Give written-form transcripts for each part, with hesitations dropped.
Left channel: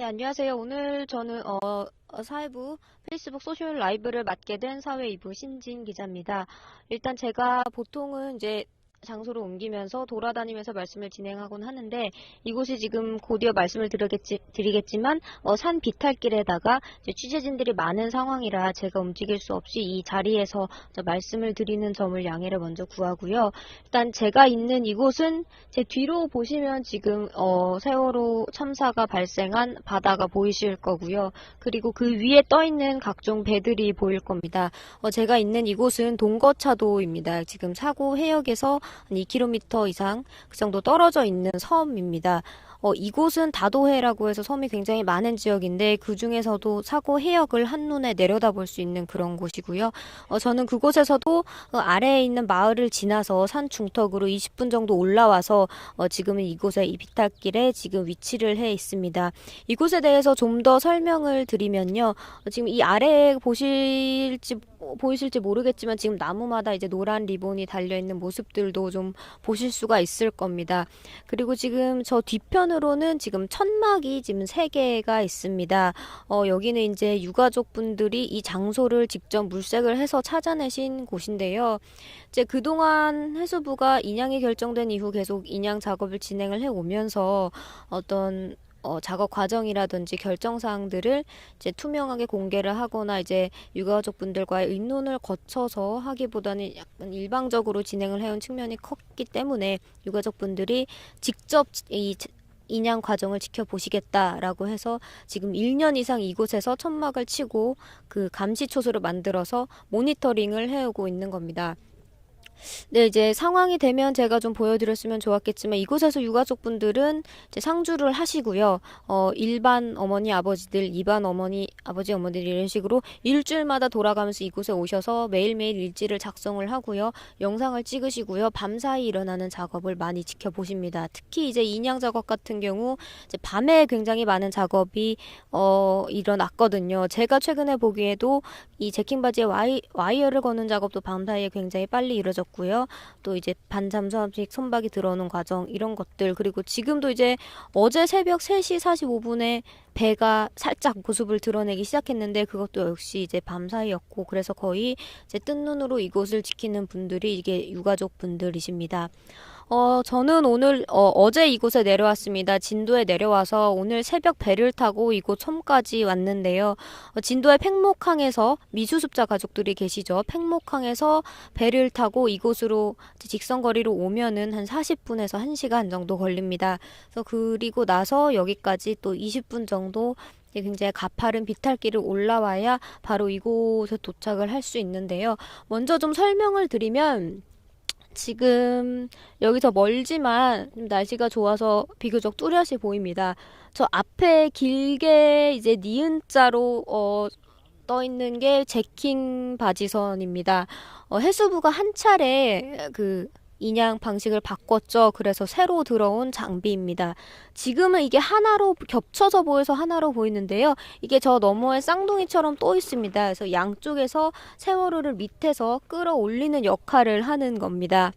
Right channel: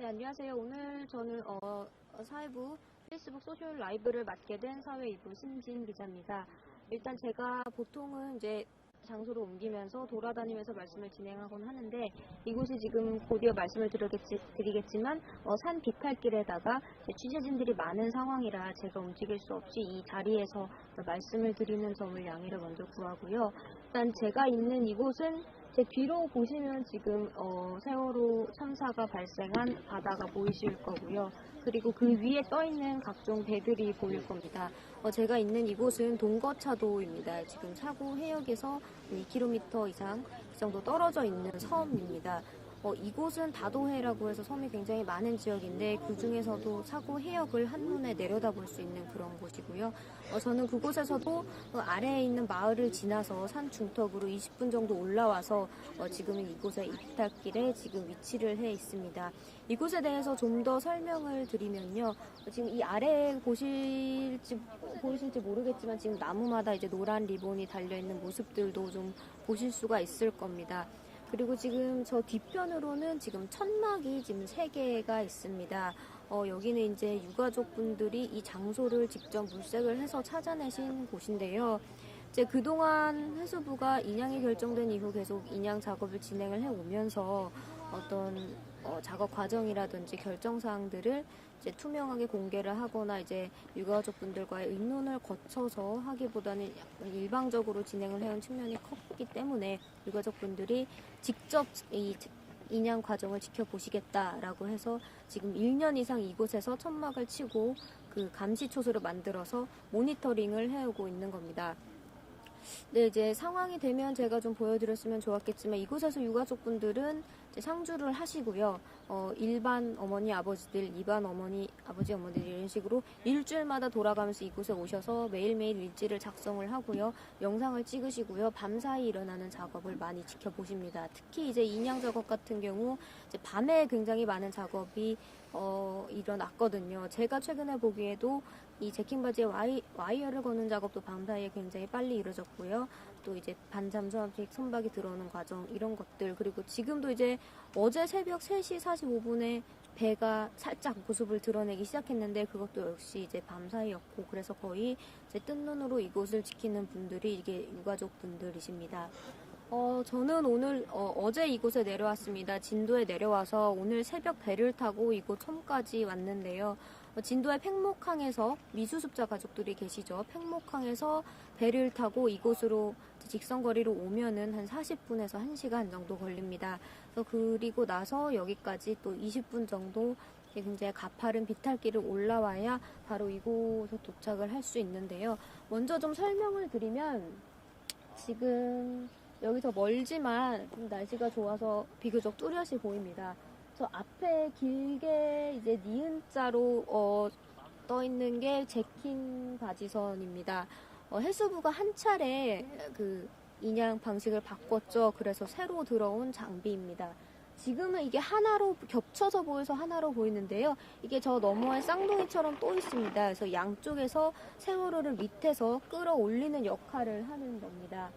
네, 안녕하세요. 오늘 저는 사회부 페이스북 소셜 라이브를 맡게 된 사회 2부 신진 기자입니다. 일단 제가 보통은 이제 장소를 옮기면서 돌아다니면서 말씀을 진행하곤 하는데 이곳이 지금 곧이어 말씀을 드리겠지만 산 비탈길에다가 이제 취재진들이 많은 상황이라 제가 움직일 수 없이 이 자리에서 말씀을 드리는 점을 양해를 먼저 구하고요. 일단 제가 있는 이곳은 제 뒤로 보시면 지금 세월호 참사가 발생한 바다가 보이실 거고요. 그리고 그 위에 떠 있는 각종 배들이 보일 겁니다. 제가 있는 이곳은 동거차도입니다. 지금 사고 해역에서 2km 이상 그 정도 떨어져 있는 섬입니다. 이곳은 다도해라고 해서 섬이 굉장히 많은 지역인데 그 중에서도 사고 해역을 한눈에 내려다볼 수 있는 그런 곳이고요. 저는 그곳에서도 아래에 있는 마을을 지나서 산 중턱으로 20분 정도 올라와서 지금은 이곳에 이 비탈길에 지금 위치를 해 있습니다. 이곳에 대해서 좀 더 설명을 드리면요. 지금 이 아래에 보이실지 모르겠지만 지금 나무마다 이제 노란 리본이 달려있는 모습들도 좀 보실 수가 있을 겁니다. 그리고 지금 저 뒤편으로는 지금 천막이 지금 3개가 있습니다. 여기는 이제 유가족분들이 이 장소를 직접 물색을 해서 찾아내신 곳인데요. 이제 그동안 해수부가 인양이 결정된 이후 계속 인양 작업을 진행을 해 오면서 어떤 작업 과정이라든지 결정 사항들을 이제 투명하게 공개를 하거나 이제 유가족분들과의 의논을 거쳐서 하기보다는 약간 일방적으로 진행을 해온 측면이 컸기 때문에 유가족분들이 직접 이 인양 과정을 지켜보시겠다라고 해서 지금 1년 이상 이곳에서 천막을 치고 그 감시 초소를 만들어서 모니터링을 해오고 있는 겁니다. 네, 이제 상황이 되면 제가 좀 보여드렸으면 좋았겠지만 이곳에서 유가족분들은 이제 상주를 하시고요. 일반 어머니 아버지들, 이반 어머니 아버지 어머니들 이런 식으로 일주일마다 돌아가면서 이곳에 오셔서 매일매일 일지를 작성을 하고요. 영상을 찍으시고요. 밤사이 일어나는 작업을 많이 지켜보십니다. 특히 이제 인양 작업 같은 경우 이제 밤에 굉장히 많은 작업이 일어났거든요. 제가 최근에 보기에도 이 제킹 바지에 와이어를 거는 작업도 밤사이에 굉장히 빨리 이루어졌고요. 또 이제 반잠수함식 선박이 들어오는 과정 이런 것들, 그리고 지금도 이제 어제 새벽 3시 45분에 배가 살짝 모습을 드러내기 시작했는데 그것도 역시 이제 밤사이였고, 그래서 거의 이제 뜬 눈으로 이곳을 지키는 분들이 이게 유가족 분들이십니다. 저는 오늘 어제 이곳에 내려왔습니다. 진도에 내려와서 오늘 새벽 배를 타고 이곳 섬까지 왔는데요. 진도의 팽목항에서 미수습자 가족들이 계시죠. 팽목항에서 배를 타고 이곳으로 직선거리로 오면은 한 40분에서 1시간 정도 걸립니다. 그래서 그리고 나서 여기까지 또 20분 정도 굉장히 가파른 비탈길을 올라와야 바로 이곳에 도착을 할 수 있는데요. 먼저 좀 설명을 드리면 지금 여기서 멀지만 날씨가 좋아서 비교적 뚜렷이 보입니다. 저 앞에 길게 이제 니은자로 떠 있는 게 제킹 바지선입니다. 해수부가 한 차례 그 인양 방식을 바꿨죠. 그래서 새로 들어온 장비입니다. 지금은 이게 하나로 겹쳐서 보여서 하나로 보이는데요. 이게 저 너머에 쌍둥이처럼 또 있습니다. 그래서 양쪽에서 세월호를 밑에서 끌어올리는 역할을 하는 겁니다.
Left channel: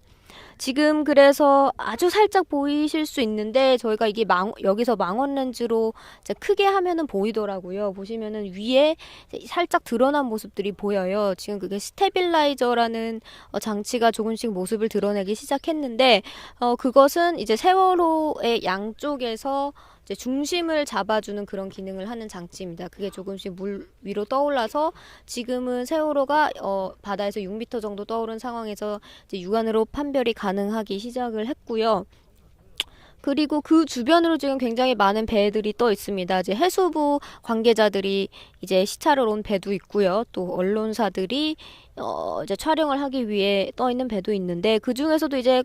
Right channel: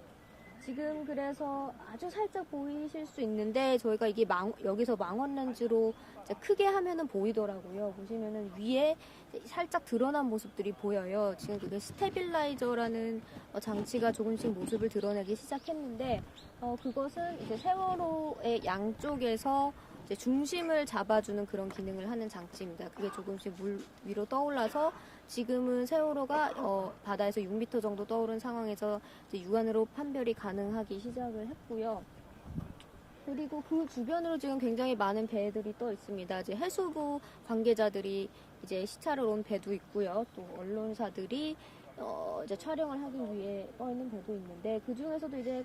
지금 그래서 아주 살짝 보이실 수 있는데 저희가 이게 여기서 망원 렌즈로 이제 크게 하면은 보이더라고요. 보시면은 위에 살짝 드러난 모습들이 보여요. 지금 그게 스테빌라이저라는 장치가 조금씩 모습을 드러내기 시작했는데 그것은 이제 세월호의 양쪽에서 이제 중심을 잡아주는 그런 기능을 하는 장치입니다. 그게 조금씩 물 위로 떠올라서 지금은 세월호가 바다에서 6m 정도 떠오른 상황에서 이제 육안으로 판별이 가능하기 시작을 했고요. 그리고 그 주변으로 지금 굉장히 많은 배들이 떠 있습니다. 이제 해수부 관계자들이 이제 시찰을 온 배도 있고요. 또 언론사들이 이제 촬영을 하기 위해 떠 있는 배도 있는데 그 중에서도 이제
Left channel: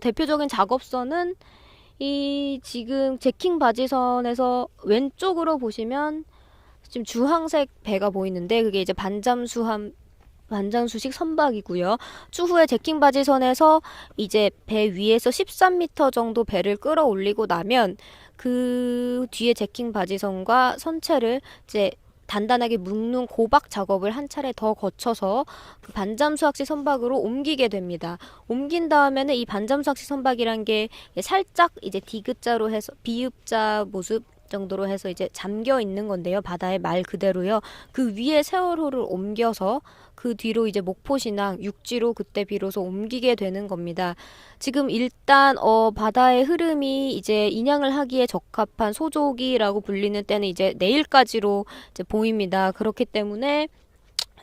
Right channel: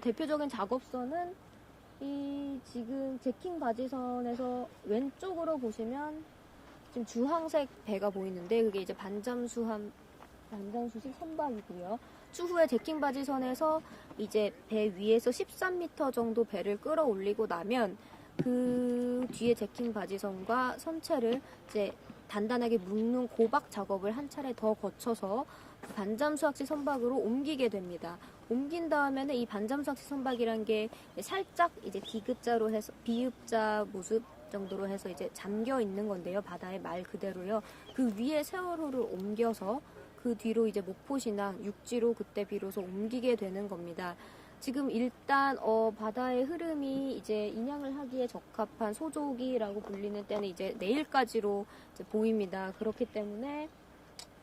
대표적인 작업선은 이 지금 제킹 바지선에서 왼쪽으로 보시면 지금 주황색 배가 보이는데 그게 이제 반잠수식 선박이고요. 추후에 제킹 바지선에서 이제 배 위에서 13m 정도 배를 끌어올리고 나면 그 뒤에 제킹 바지선과 선체를 이제 단단하게 묶는 고박 작업을 한 차례 더 거쳐서 그 반잠수학식 선박으로 옮기게 됩니다. 옮긴 다음에는 이 반잠수학식 선박이란 게 살짝 이제 디귿자로 해서 비읍자 모습 정도로 해서 이제 잠겨 있는 건데요. 바다에 말 그대로요. 그 위에 세월호를 옮겨서 그 뒤로 이제 목포신항 육지로 그때 비로소 옮기게 되는 겁니다. 지금 일단 바다의 흐름이 이제 인양을 하기에 적합한 소조기라고 불리는 때는 이제 내일까지로 이제 보입니다. 그렇기 때문에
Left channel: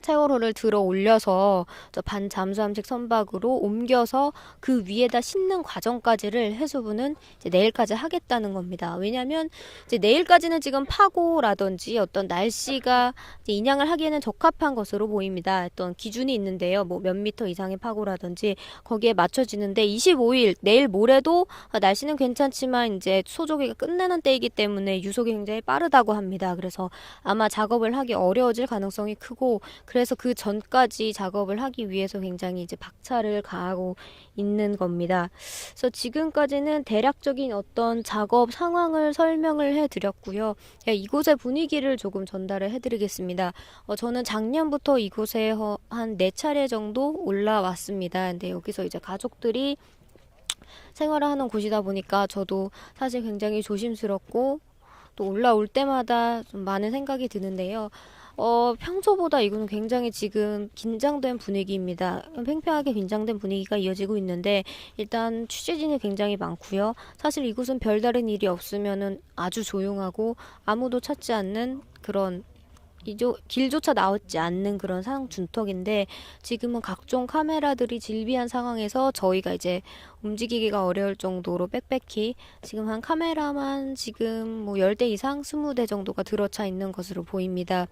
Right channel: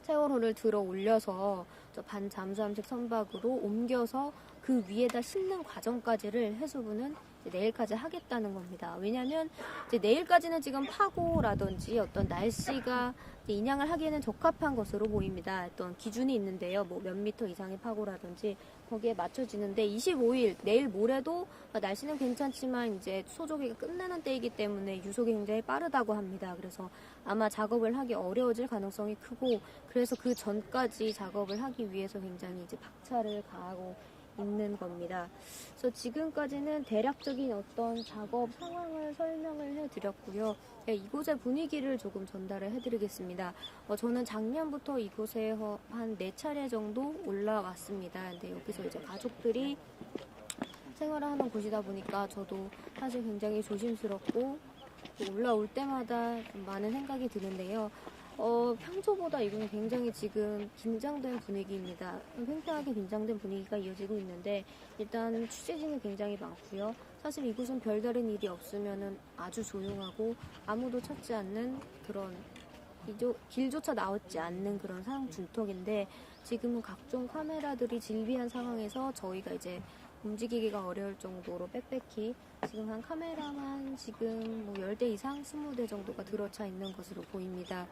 세월호를 들어 올려서 저 반잠수함식 선박으로 옮겨서 그 위에다 싣는 과정까지를 해수부는 이제 내일까지 하겠다는 겁니다. 왜냐하면 이제 내일까지는 지금 파고라든지 어떤 날씨가 이제 인양을 하기에는 적합한 것으로 보입니다. 어떤 기준이 있는데요. 뭐 몇 미터 이상의 파고라든지 거기에 맞춰지는데 25일 내일 모레도 날씨는 괜찮지만 이제 소조기가 끝내는 때이기 때문에 유속이 굉장히 빠르다고 합니다. 그래서 아마 작업을 하기 어려워질 가능성이 크고 그래서 그 전까지 작업을 하기 위해서 굉장히 이제 박차를 가하고 있는 겁니다. 그래서 지금까지는 대략적인 어떤 작업 상황을 설명을 해드렸고요. 이곳의 분위기를 조금 전달을 해드리겠습니다. 저는 작년부터 이곳에 한 4차례 정도 올라왔습니다. 근데 여기서 이제 가족들이 생활을 하는 곳이다 보니까 저도 사실 굉장히 조심스럽고 또 올라올 때마다 좀 많은 생각이 드는데요. 평소보다 이거는 굉장히 지금 긴장된 분위기입니다. 팽팽하게 긴장된 분위기가 이어지고 있는데 일단 취재진이 굉장히 많고요. 사실 이곳은 별다른 일이 없으면은 아주 조용하고 아무도 찾지 않는 그런 길조차 나오지 않는 그런 상황 준턱인데 지금은 각종 카메라들이 질비한 상황에서 저희가 이제 움직이기가 어려울 정도로 빽빽히 지금 한 카메라만 지금 뭐 10대 이상 20대 정도가 들어차 있는 것으로 보입니다.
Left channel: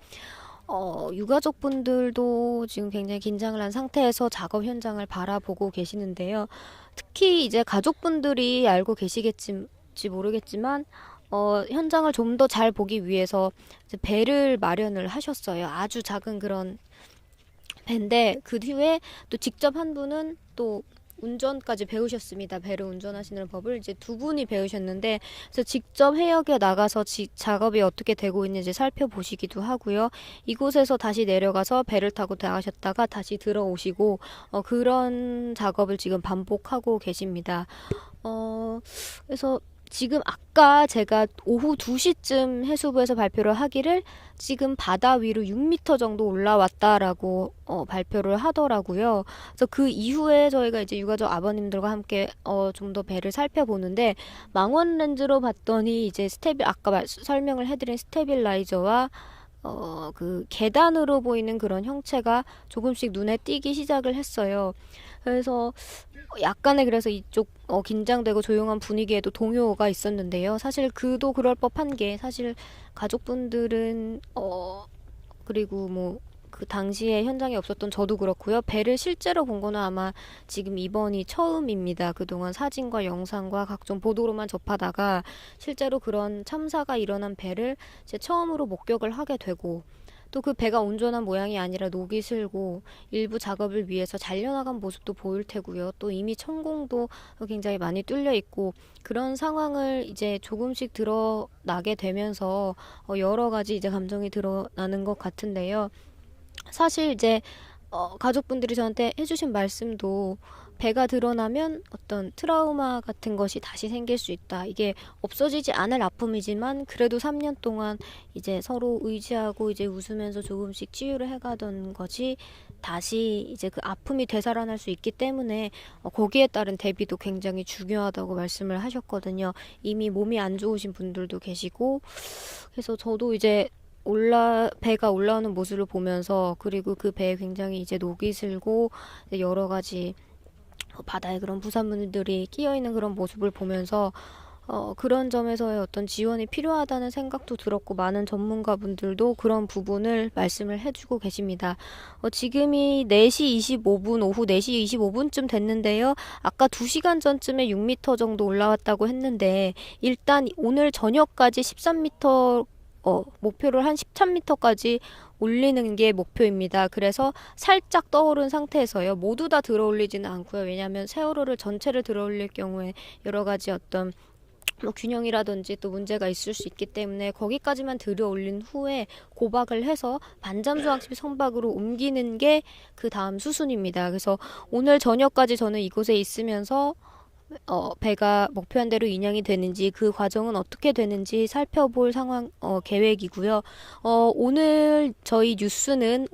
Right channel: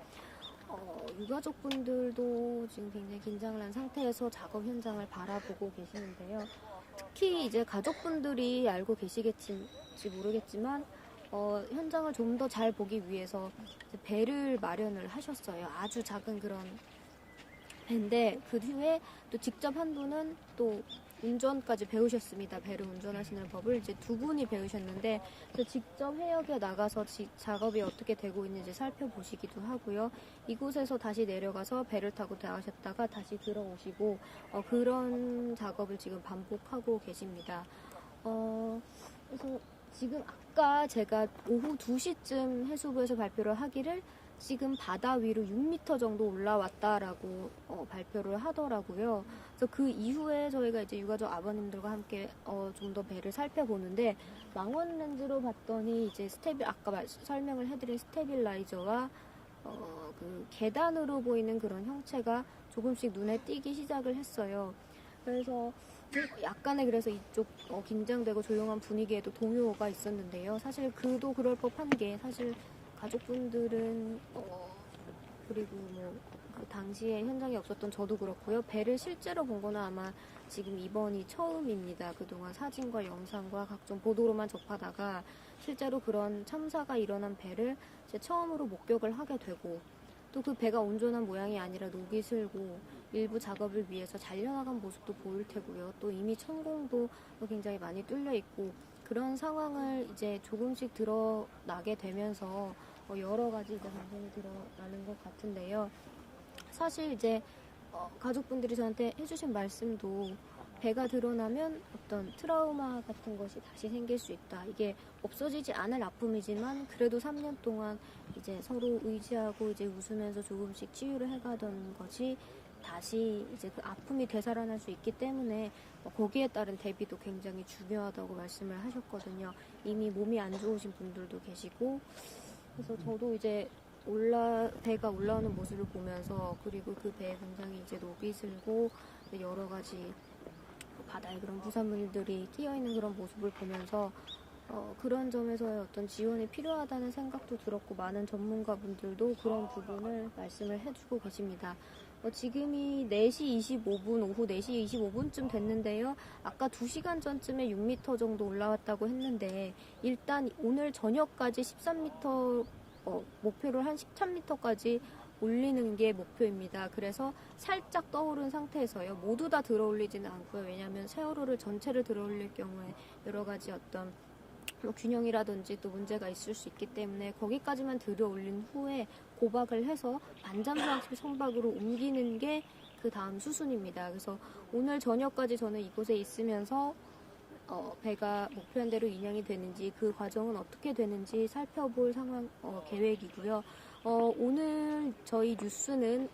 유가족분들도 지금 굉장히 긴장을 한 상태에서 작업 현장을 바라보고 계시는데요. 특히 이제 가족분들이 알고 계시겠지 모르겠지만 현장을 좀 더 잘 보기 위해서 이제 배를 마련을 하셨어요. 아주 작은 그런 배인데 그 후에 또 직접 한 분은 또 운전까지 배우셨습니다. 배를 운전하시는 법을 이제 2분이 배우셨는데 그래서 직접 해역에 나가서 작업이 어떻게 되고 있는지 살펴보시기도 하고요. 이곳에서 다시 내려가서 배를 타고 나가셨다가 다시 들어오시고 그런 작업을 지금 반복하고 계십니다. 그래서 지금 아까 제가 오후 2시쯤 해수부에서 발표를 하기를 지금 바다 위로 6m 정도 올라왔다라고 발표를 하더라고요. 그래서 그 이후에 저희가 이제 유가족 아버님들과 함께 좀 더 배를 살펴보는데 망원 렌즈로 봤더니 이제 아까 설명을 해드린 스테빌라이저와 그 계단으로 보이는 그런 형체가 조금씩 눈에 띄기 시작을 했어요. 그래서 약간의 그래서 이쪽 긴장되고 조용한 분위기에도 동요가 있었는데요. 사실 그도 그럴 법한 게 사실 가족분들은 그리고 뭐 그 당시에 현장에 없었던 저도 그렇고요. 배를 실제로 본 거는 아마 지금 이번이 처음입니다. 그동안 사진과 영상과 각종 보도로만 접하다가 실제로 그런 참사가 일어난 배를 제 처음으로 목격을 하게 되고 또 그 배가 온전한 모양이 아니라 녹이 슬고 일부 작업을 위해서 잘려나간 모습도 보일 테고요. 또 이미 천공도 굉장히 많이 뚫려 있고 그런 상황을 이제 조금씩 드러나게 되면서 여러 가지 이제 감정이 드러나는 것 같은데요. 사실 이제 가족분들이 저한테 해주신 말씀도 배가 드러나면 어떤 트라우마 같은 것이 다시 생길 수 있다. 이게 없어지지 않을 아픔이지만 그래도 3년 동안 이제 서로 의지하고 이제 웃으면서 조금씩 치유를 해가던 것이 다시 이제 그 아픔이 되살아날 수 있기 때문에 거기에 따른 대비도 굉장히 중요하다고 말씀을 하셨거든요. 이미 몸이 안 좋으신 분들도 계시고 그래서 저도 이제 배가 올라오는 모습을 보면서 그리고 그 배에 굉장히 이제 녹이 슬고 여러 가지 바다에 그런 부산물들이 끼어있는 그런 모습을 보면서 그런 점에서의 어떤 지원이 필요하다는 생각도 들었고 많은 전문가분들도 그런 부분을 말씀을 해주고 계십니다. 지금이 4시 25분, 오후 4시 25분쯤 됐는데요. 아까 2시간 전쯤에 6m 정도 올라왔다고 했는데 일단 오늘 저녁까지 13m 목표를 한 13m까지 올리는 게 목표입니다. 그래서 살짝 떠오른 상태에서요. 모두 다 들어올리지는 않고요. 왜냐하면 세월호를 전체를 들어올릴 경우에 여러 가지 어떤 균형이라든지 또 문제가 있을 수 있기 때문에 거기까지만 들어올린 후에 고박을 해서 반잠수함식 선박으로 옮기는 게 그 다음 수순입니다. 그래서 오늘 저녁까지 저는 이곳에 있으면서 배가 목표한 대로 인양이 되는지 그 과정은 어떻게 되는지 살펴볼 계획이고요. 오늘 저희 뉴스는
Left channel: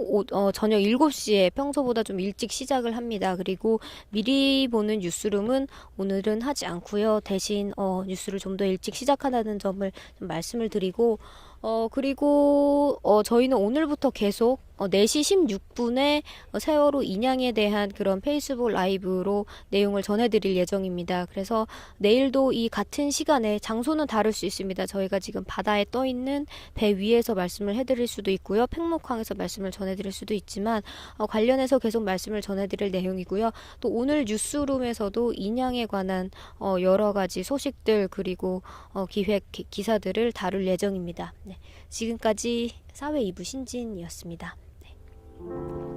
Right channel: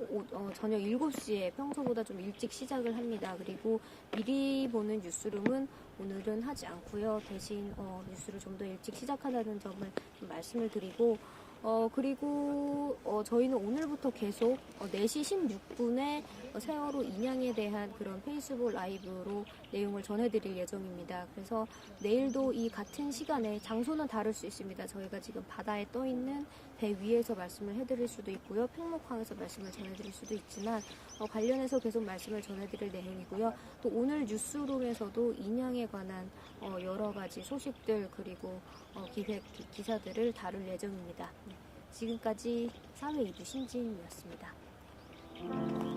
저녁 7시에 평소보다 좀 일찍 시작을 합니다. 그리고 미리 보는 뉴스룸은 오늘은 하지 않고요. 대신 뉴스를 좀 더 일찍 시작하다는 점을 좀 말씀을 드리고 그리고 저희는 오늘부터 계속 4시 16분에 세월호 인양에 대한 그런 페이스북 라이브로 내용을 전해드릴 예정입니다. 그래서 내일도 이 같은 시간에 장소는 다를 수 있습니다. 저희가 지금 바다에 떠 있는 배 위에서 말씀을 해드릴 수도 있고요. 팽목항에서 말씀을 전해드릴 수도 있지만 관련해서 계속 말씀을 전해드릴 내용이고요. 또 오늘 뉴스룸에서도 인양에 관한 여러 가지 소식들 그리고 기사들을 다룰 예정입니다. 네, 지금까지 사회 2부 신진이었습니다. 네.